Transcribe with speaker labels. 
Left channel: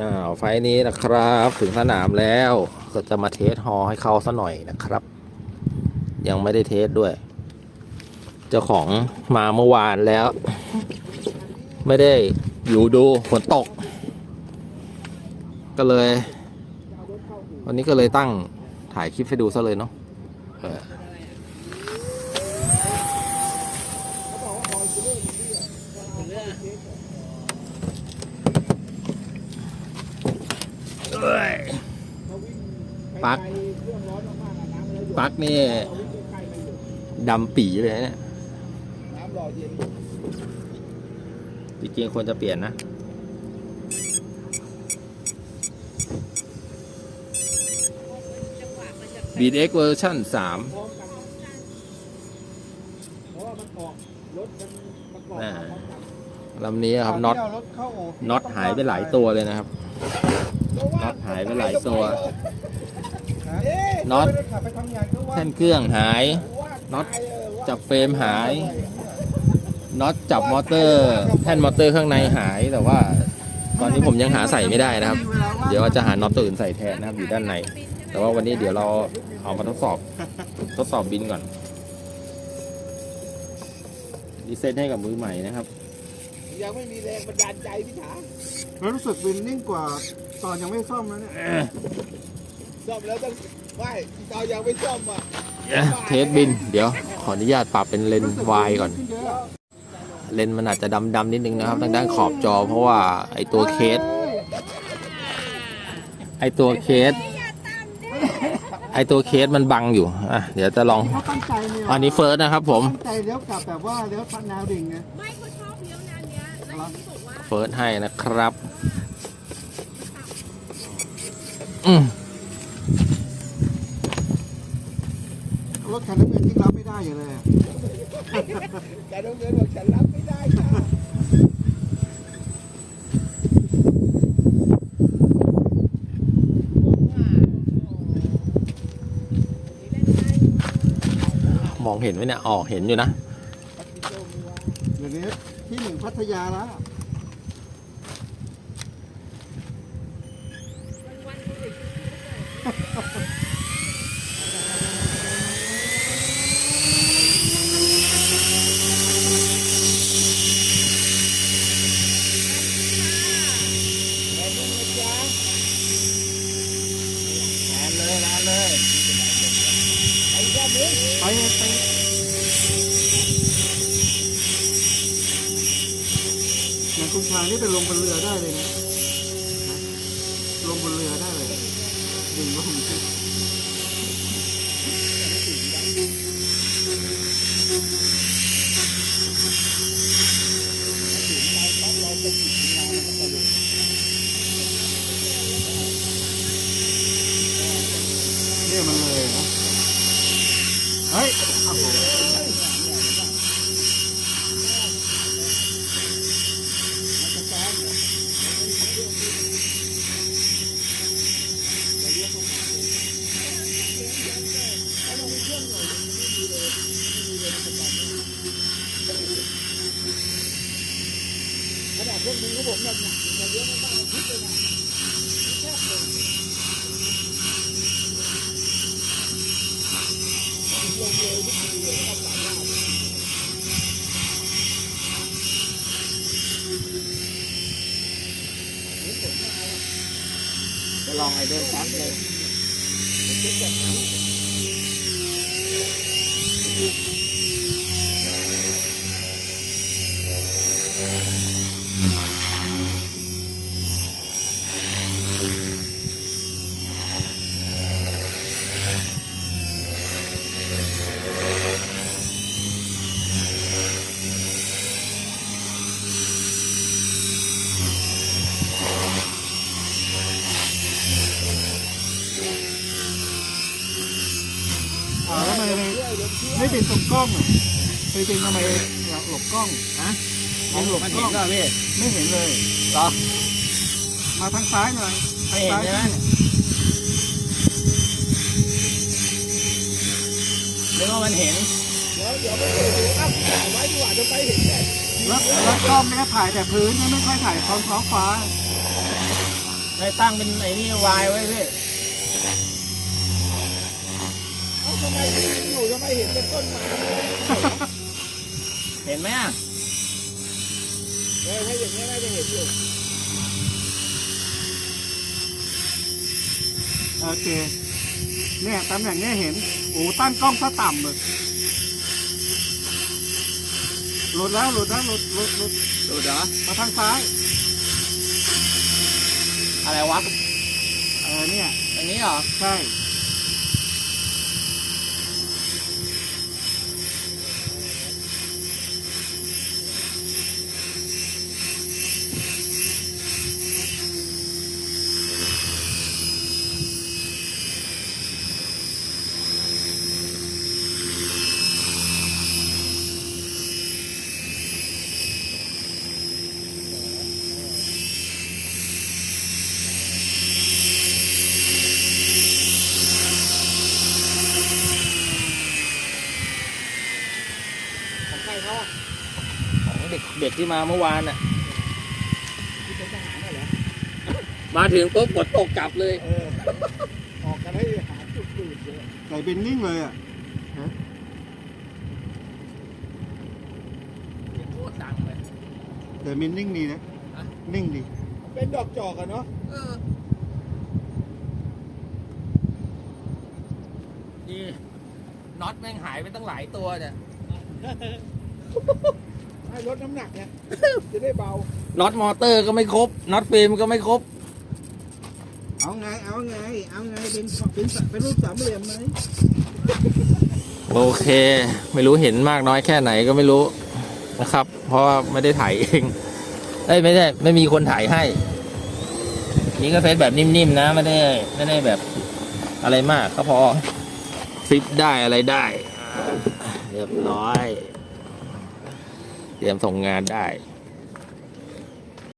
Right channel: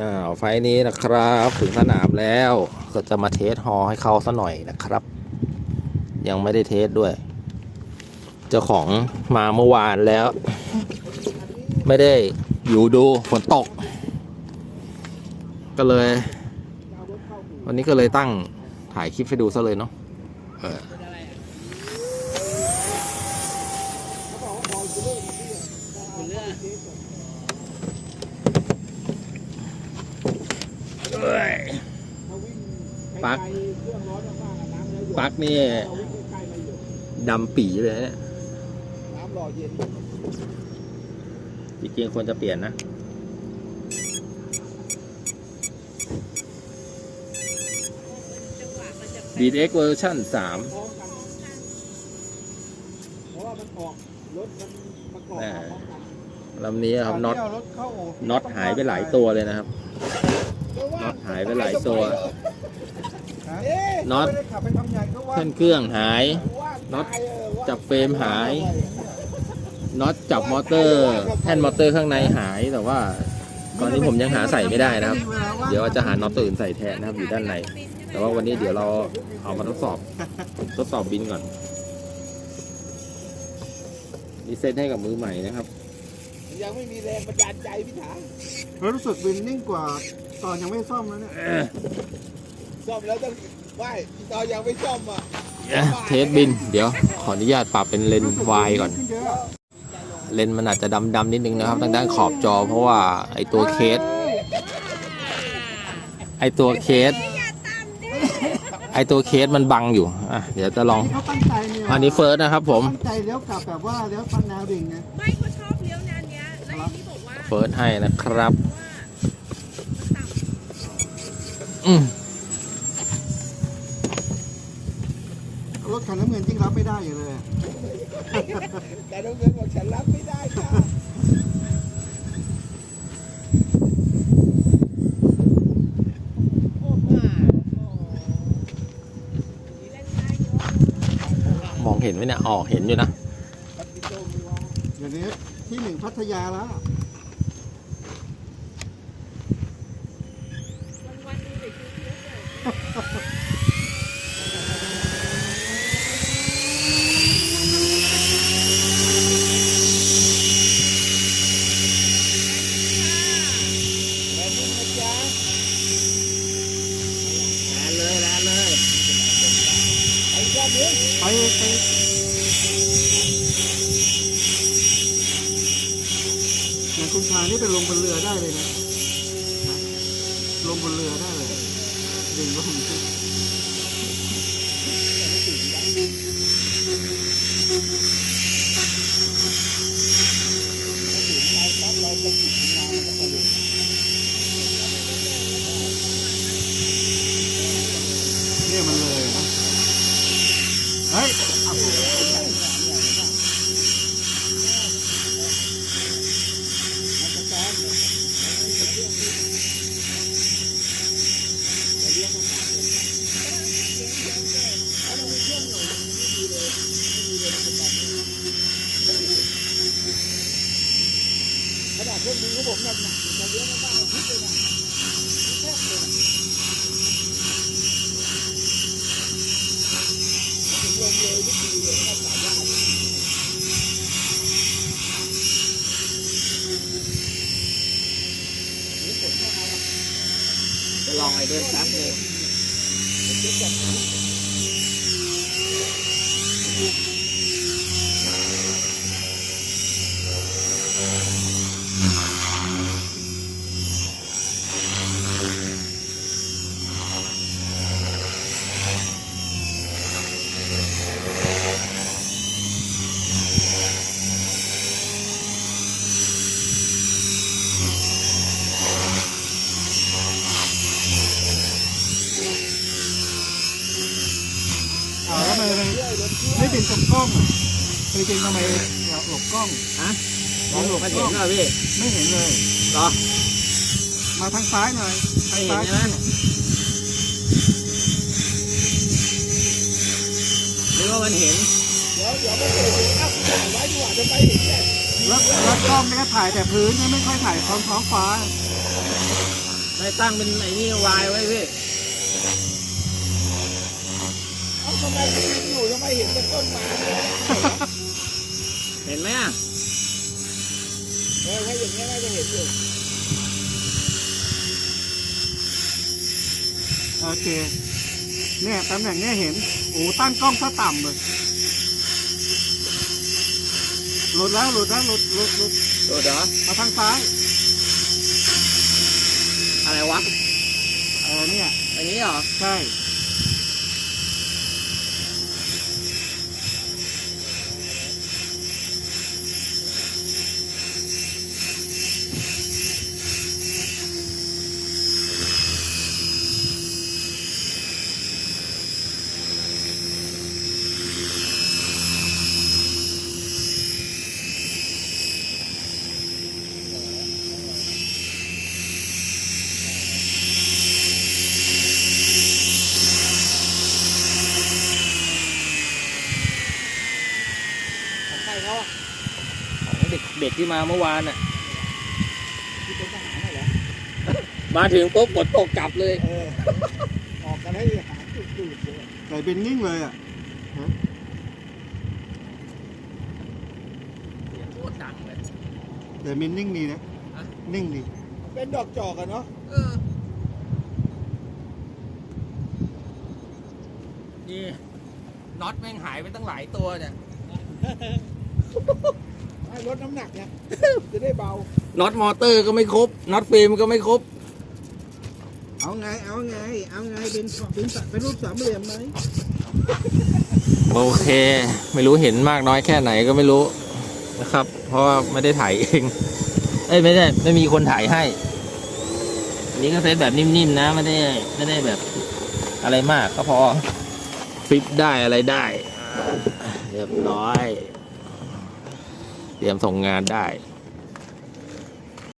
Speaker 1: อ้าวไฟนี้นะครับ ถึงสนามแล้วก็จะมาเทสฮอให้เขาซะหน่อยนะครับ ยังไม่ได้เทสด้วย เจ้าของมาเมื่อวานแล้ว ไม่ได้อยู่ดูฝนตก ก็เลย วันนี้ก็เลยตั้งถ่ายคลิปให้ดูซะเลยเนาะเออปลักปลัก นี่ดำปีเลยนะเนี่ย
Speaker 2: น้ำหล่อเย็น
Speaker 1: จริงๆควรจะเปลี่ยนนะบีเอ็กเวอร์ชันสาม
Speaker 2: พร้อมกันเพราะว่ามันออกรถมันประกอบมาพร้อมกัน
Speaker 1: ลำนี้ครับน็อต
Speaker 2: เารถเข้า
Speaker 1: น็อตหายไปหลายตัวเลยนะครับ น็อตหายไปหลายตัว
Speaker 2: เอ๊ะ
Speaker 1: น็อต
Speaker 2: ไม่ได้ขับไปทำงานก็ว่า
Speaker 1: แท่นเครื่องหาย
Speaker 2: ว่า
Speaker 1: น็อต
Speaker 2: ตายเออว่า
Speaker 1: จับเฟรมหายน็อตจับมอเตอร์แท่นมอเตอร์ข้างในหายแต่ว่า ตอนนี้ผมยังหาใส่ไม่ได้นะครับ เดี๋ยวจะหาน็อตตัวอื่นใส่แทนนะครับอยู่ด้านใน แต่ว่าวันนี้เดี๋ยวเราเอามาทดสอบทดสอบบินก่อนดีเซตให้กับมือใหม่นะครับ
Speaker 2: ยังไม่มีแรงบันดาลใจพี่ขา
Speaker 3: แล้วรู้สึกวินนิ่งกว่า ตอนยังไม่ซ่อมแล้วเนี่ย
Speaker 2: ซ่อมแล้วต้องไม่ตอนยังไม่ซ่อมอะ
Speaker 1: เทสบิน เดี๋ยวขออนุญาตปรับเป็นเลนส์วายก่อน
Speaker 3: ขึ้นเยอะ
Speaker 1: เลนส์มันอาจจะดำๆนิดนึงนะครับทางด้านขอบจอเพราะว่าไอตัวเคส ไอตัวเคส ไอตัวเคสมันบังอยู่อะเดี๋ยวจะลอง
Speaker 3: เขาตั้งใจเนี่ย
Speaker 1: อันนี้เฟิร์สนะครับผม
Speaker 3: ตั้งใจเลี้ยวกลับแบบว่าเลี้ยวปันแนวดิ่งไง
Speaker 4: ไม่เขาชอบเลี้ยงงานเนี้ยแล้วที่บอกว่า
Speaker 1: เฟิร์สให้นะครับ อืม
Speaker 3: รถคันน้ำเงินยิ่งรับไม่ได้อยู่เลยอะ
Speaker 2: แต่ต้องเงินบอกฉันรับไม่ได้ค่ะ
Speaker 1: มองเห็นไหมเนี่ยออกเห็นอยู่นะ
Speaker 3: เดี๋ยวนี้ที่หนึ่งพัทยาแล้ว ไปไปอย่างคุณชายนี่ไปลงบนเรือได้เลยนะนะ ลงบนเรือได้เลยดึงลงขึ้น
Speaker 2: ขนาดเครื่องมือของผมหนักหนักเยอะมากๆคิดเลยนะชอบเลยถึงลงเลยทุกทีเลยชอบหลายว่า
Speaker 1: จะลอง ไอเดินชัดเลย
Speaker 3: อ่าแล้วทำไมไม่ไม่เป็นตรงกล้องอะไปเป็นทำไมอยากหลบกล้องฮะมองหลบกล้อง
Speaker 1: พี่
Speaker 3: ไม่เห็นเลย
Speaker 1: เหรอ
Speaker 3: มาทางซ้ายหน่อยทางซ้าย
Speaker 1: ไม่เห็นใช่ไหมนึกว่ามันเห็น
Speaker 3: แล้วแล้วกล้องเนี่ยถ่ายแต่พื้นเนี่ยไม่ค่อยถ่ายท้องท้องฟ้า
Speaker 1: ให้ตั้งเป็นไอ้นี่วายไว้พี่
Speaker 2: เอ้าทำไมอยู่ยังไม่เห็นเป็นต้นไม้เลย
Speaker 1: เห็นไหม
Speaker 2: เออถ้าอย่างนี้น่าจะเห็นอยู่
Speaker 3: โอเค เนี่ยตำแหน่งเนี่ยเห็น โอ้ตั้งกล้องซะต่ำเลยหลุดแล้วหลุดแล้วหลุดหลุดหลุด
Speaker 1: ดูเหรอ
Speaker 3: มาทางซ้าย
Speaker 1: อะไรวะ
Speaker 3: เออเนี่ย
Speaker 1: อันนี้เหรอ
Speaker 3: ใช่
Speaker 2: ของใครเขาอะ
Speaker 1: ของเด็กเด็กที่มาเมื่อวานน่ะ
Speaker 2: ที่เป็นทหารน่ะเหรอ
Speaker 1: มาถึงปุ๊บฝนตกกลับเลย
Speaker 2: เออออกกันให้หาจุดดูดเลย
Speaker 3: ไก่เป็นนิ่งเลยอะ
Speaker 1: เสียงโคตรดังเลย
Speaker 3: แต่มินนิ่งดีนะ
Speaker 1: ฮะ
Speaker 3: นิ่งดี
Speaker 2: เป็นดอกจอกอะเนาะ
Speaker 1: เออนี่น็อตแม่งหายไปตั้งหลายตัวเนี่ย
Speaker 2: ให้ ลดน้ำหนักไงจะได้เบา
Speaker 1: น็อตมอเตอร์ก็ไม่ครบ น็อตฟิล์มก็ไม่ครบ
Speaker 2: เอาไง เอาไง เอาไง เป็นเป็นเป็นรูปสามเหลี่ยมไหม
Speaker 1: โอเค ไม่รู้เห็นมากน้อยแค่ไหนก็ไม่รู้นะครับ เพราะว่าไม่ได้ถ่ายเองเอ้ยไม่ได้ไม่มีคนถ่ายให้ อันนี้ก็เซตแบบนิ่มๆนะ ไม่ได้ไม่ได้แบบอะไรมากก็พอฟลิปได้อะไรได้อ่าเรียบร้อย เตรียมส่งงานได้